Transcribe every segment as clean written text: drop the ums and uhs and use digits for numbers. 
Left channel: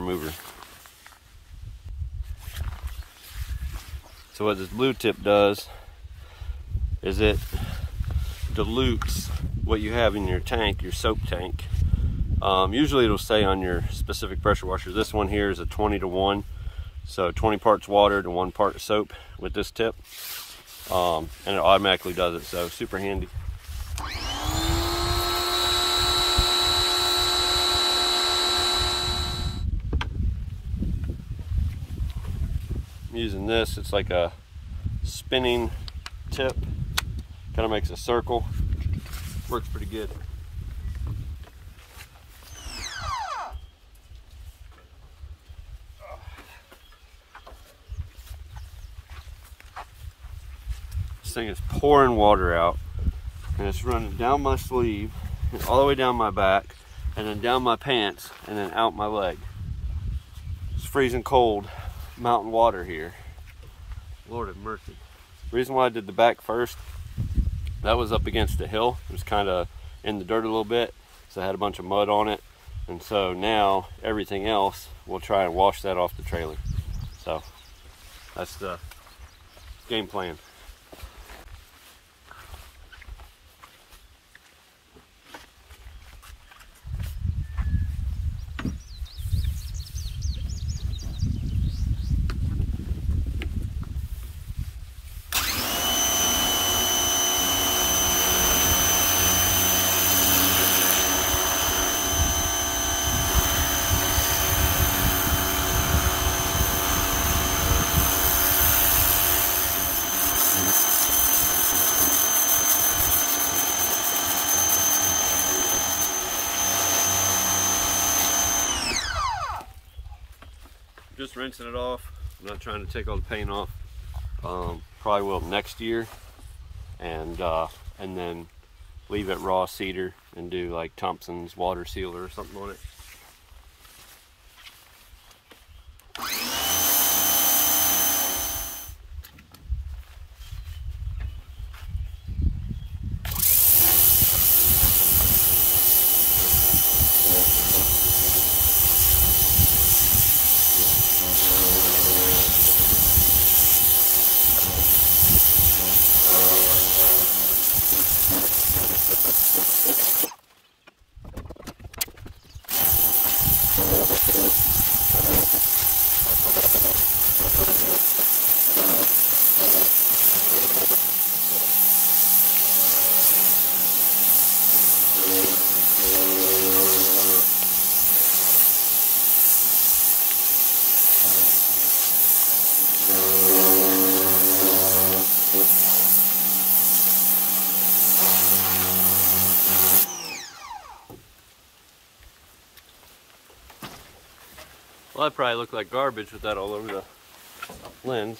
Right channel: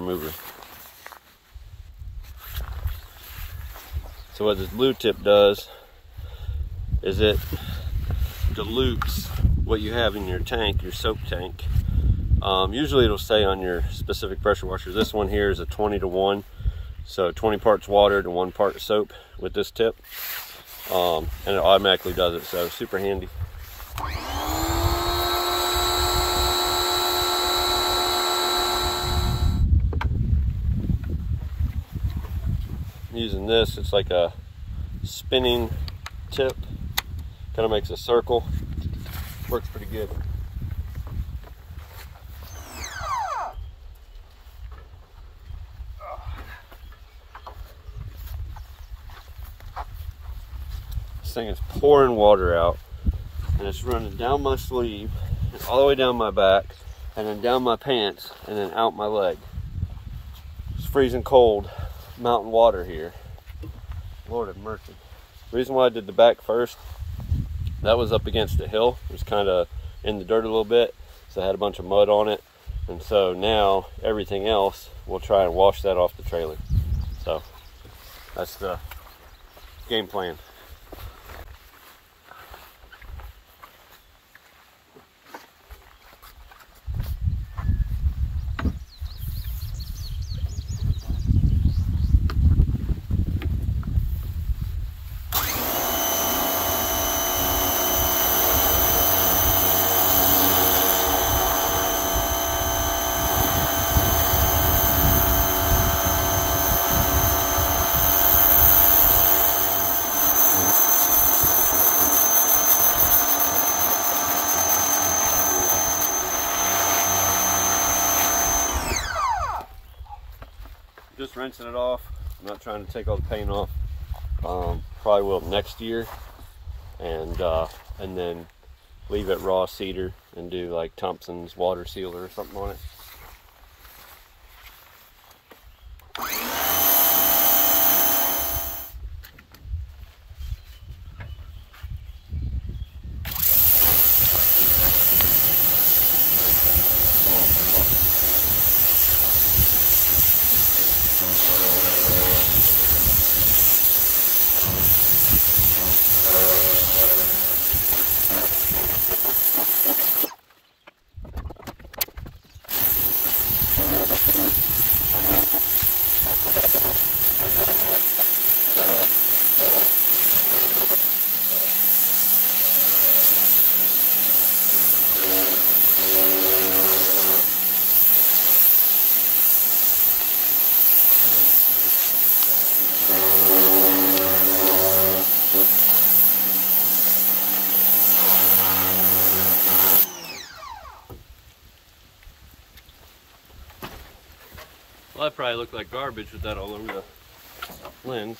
remover. So what this blue tip does is it dilutes what you have in your tank, your soap tank. Usually it'll say on your specific pressure washer. This one here is a 20-to-1, so 20 parts water to 1 part soap with this tip, and it automatically does it, so super handy. Using this, it's like a spinning tip, kind of makes a circle, works pretty good. This thing is pouring water out, and it's running down my sleeve, all the way down my back, and then down my pants, and then out my leg. It's freezing cold mountain water here. Lord have mercy. The reason why I did the back first, that was up against a hill. It was kind of in the dirt a little bit, so I had a bunch of mud on it, and so now everything else, we'll try and wash that off the trailer. So that's the game plan. Just rinsing it off. I'm not trying to take all the paint off. Probably will next year, and then leave it raw cedar and do like Thompson's water sealer or something on it. Well, that probably looked like garbage with that all over the lens.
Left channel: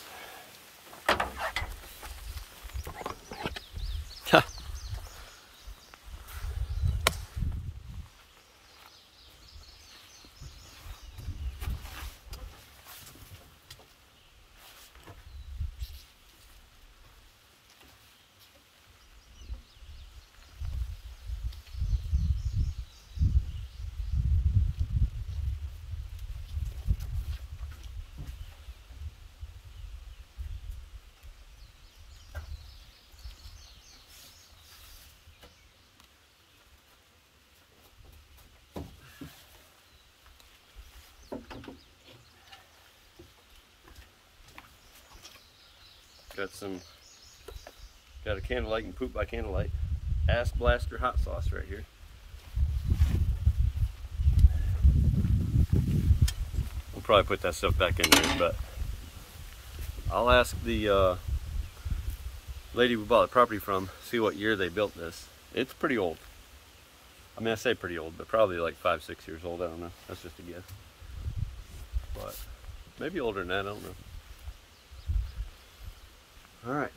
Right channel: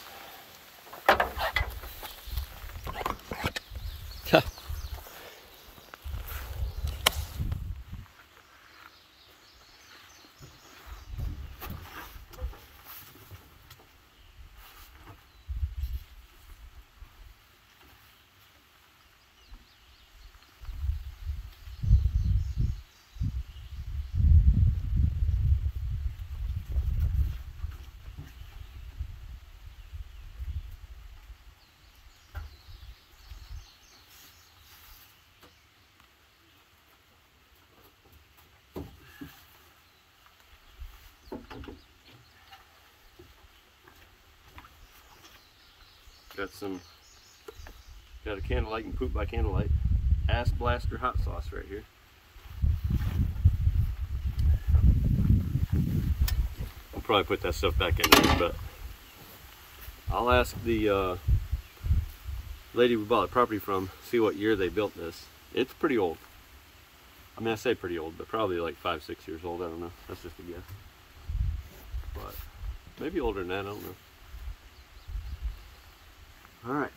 Got a candlelight and poop by candlelight. Ass blaster hot sauce right here. I'll probably put that stuff back in there, but I'll ask the lady we bought the property from, see what year they built this. It's pretty old. I mean, I say pretty old, but probably like 5-6 years old. I don't know. That's just a guess. But maybe older than that. I don't know. All right.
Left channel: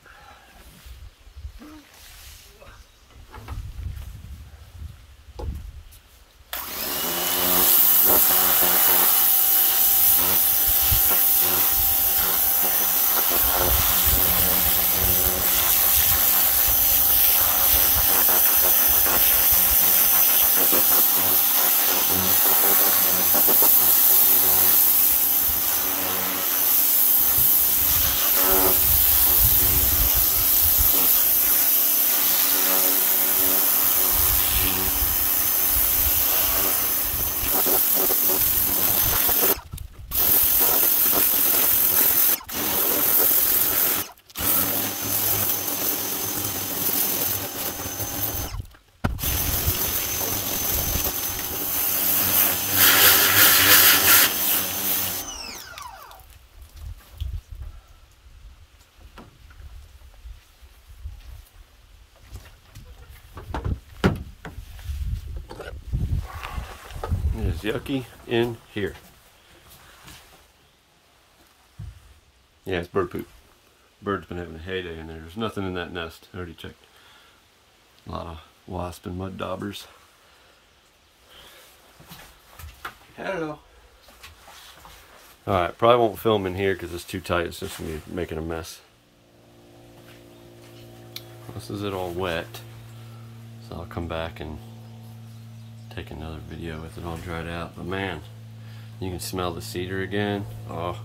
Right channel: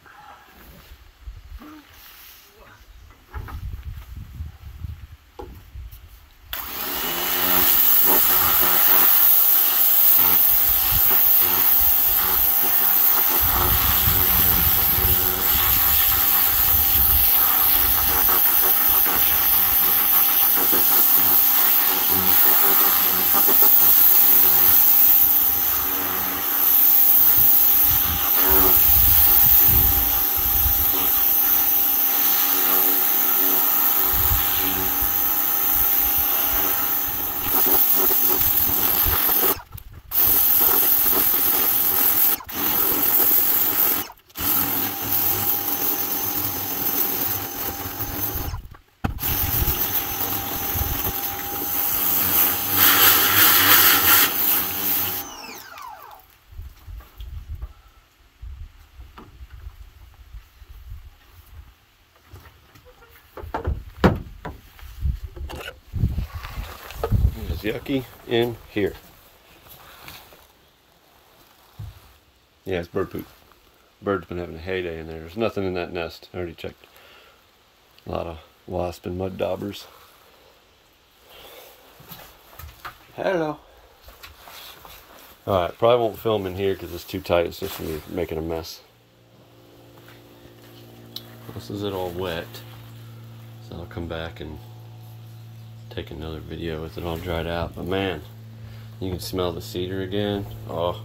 yucky in here. Yeah, it's bird poop. Bird's been having a heyday in there. There's nothing in that nest. I already checked. A lot of wasp and mud daubers. Hello. Alright, probably won't film in here because it's too tight. It's just going to be making a mess. This is it all wet. So I'll come back and take another video with it all dried out. But man, you can smell the cedar again. Oh,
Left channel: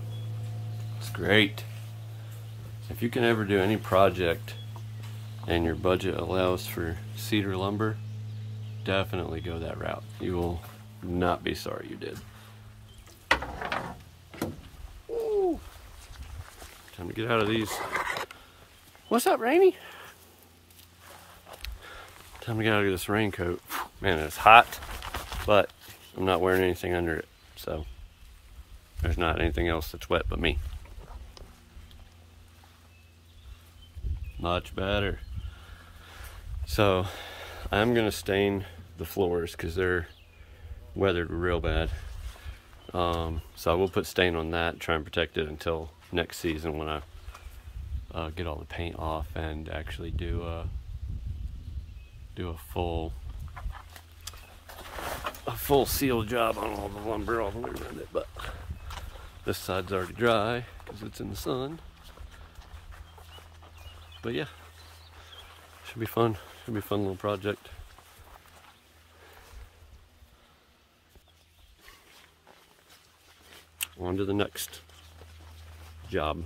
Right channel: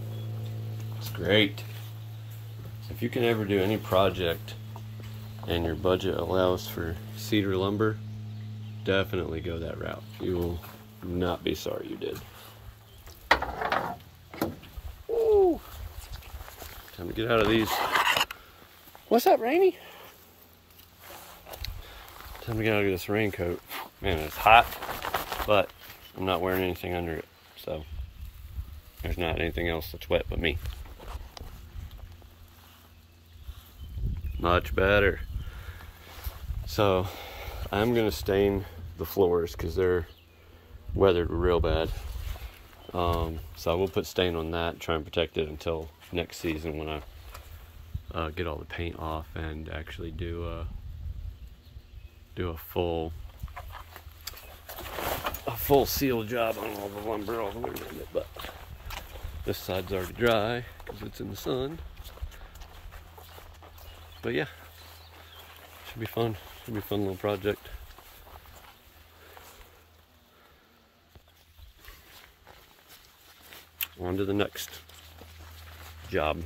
it's great. If you can ever do any project and your budget allows for cedar lumber, definitely go that route. You will not be sorry you did. Ooh. Time to get out of these. What's up, Rainy? Time to get out of this raincoat. Man, it's hot, but I'm not wearing anything under it, so there's not anything else that's wet but me. Much better. So I'm gonna stain the floors because they're weathered real bad. So I will put stain on that, try and protect it until next season when I get all the paint off and actually do a full seal job on all the lumber all the way around it. But this side's already dry because it's in the sun. But yeah, should be fun. Should be a fun little project. On to the next job.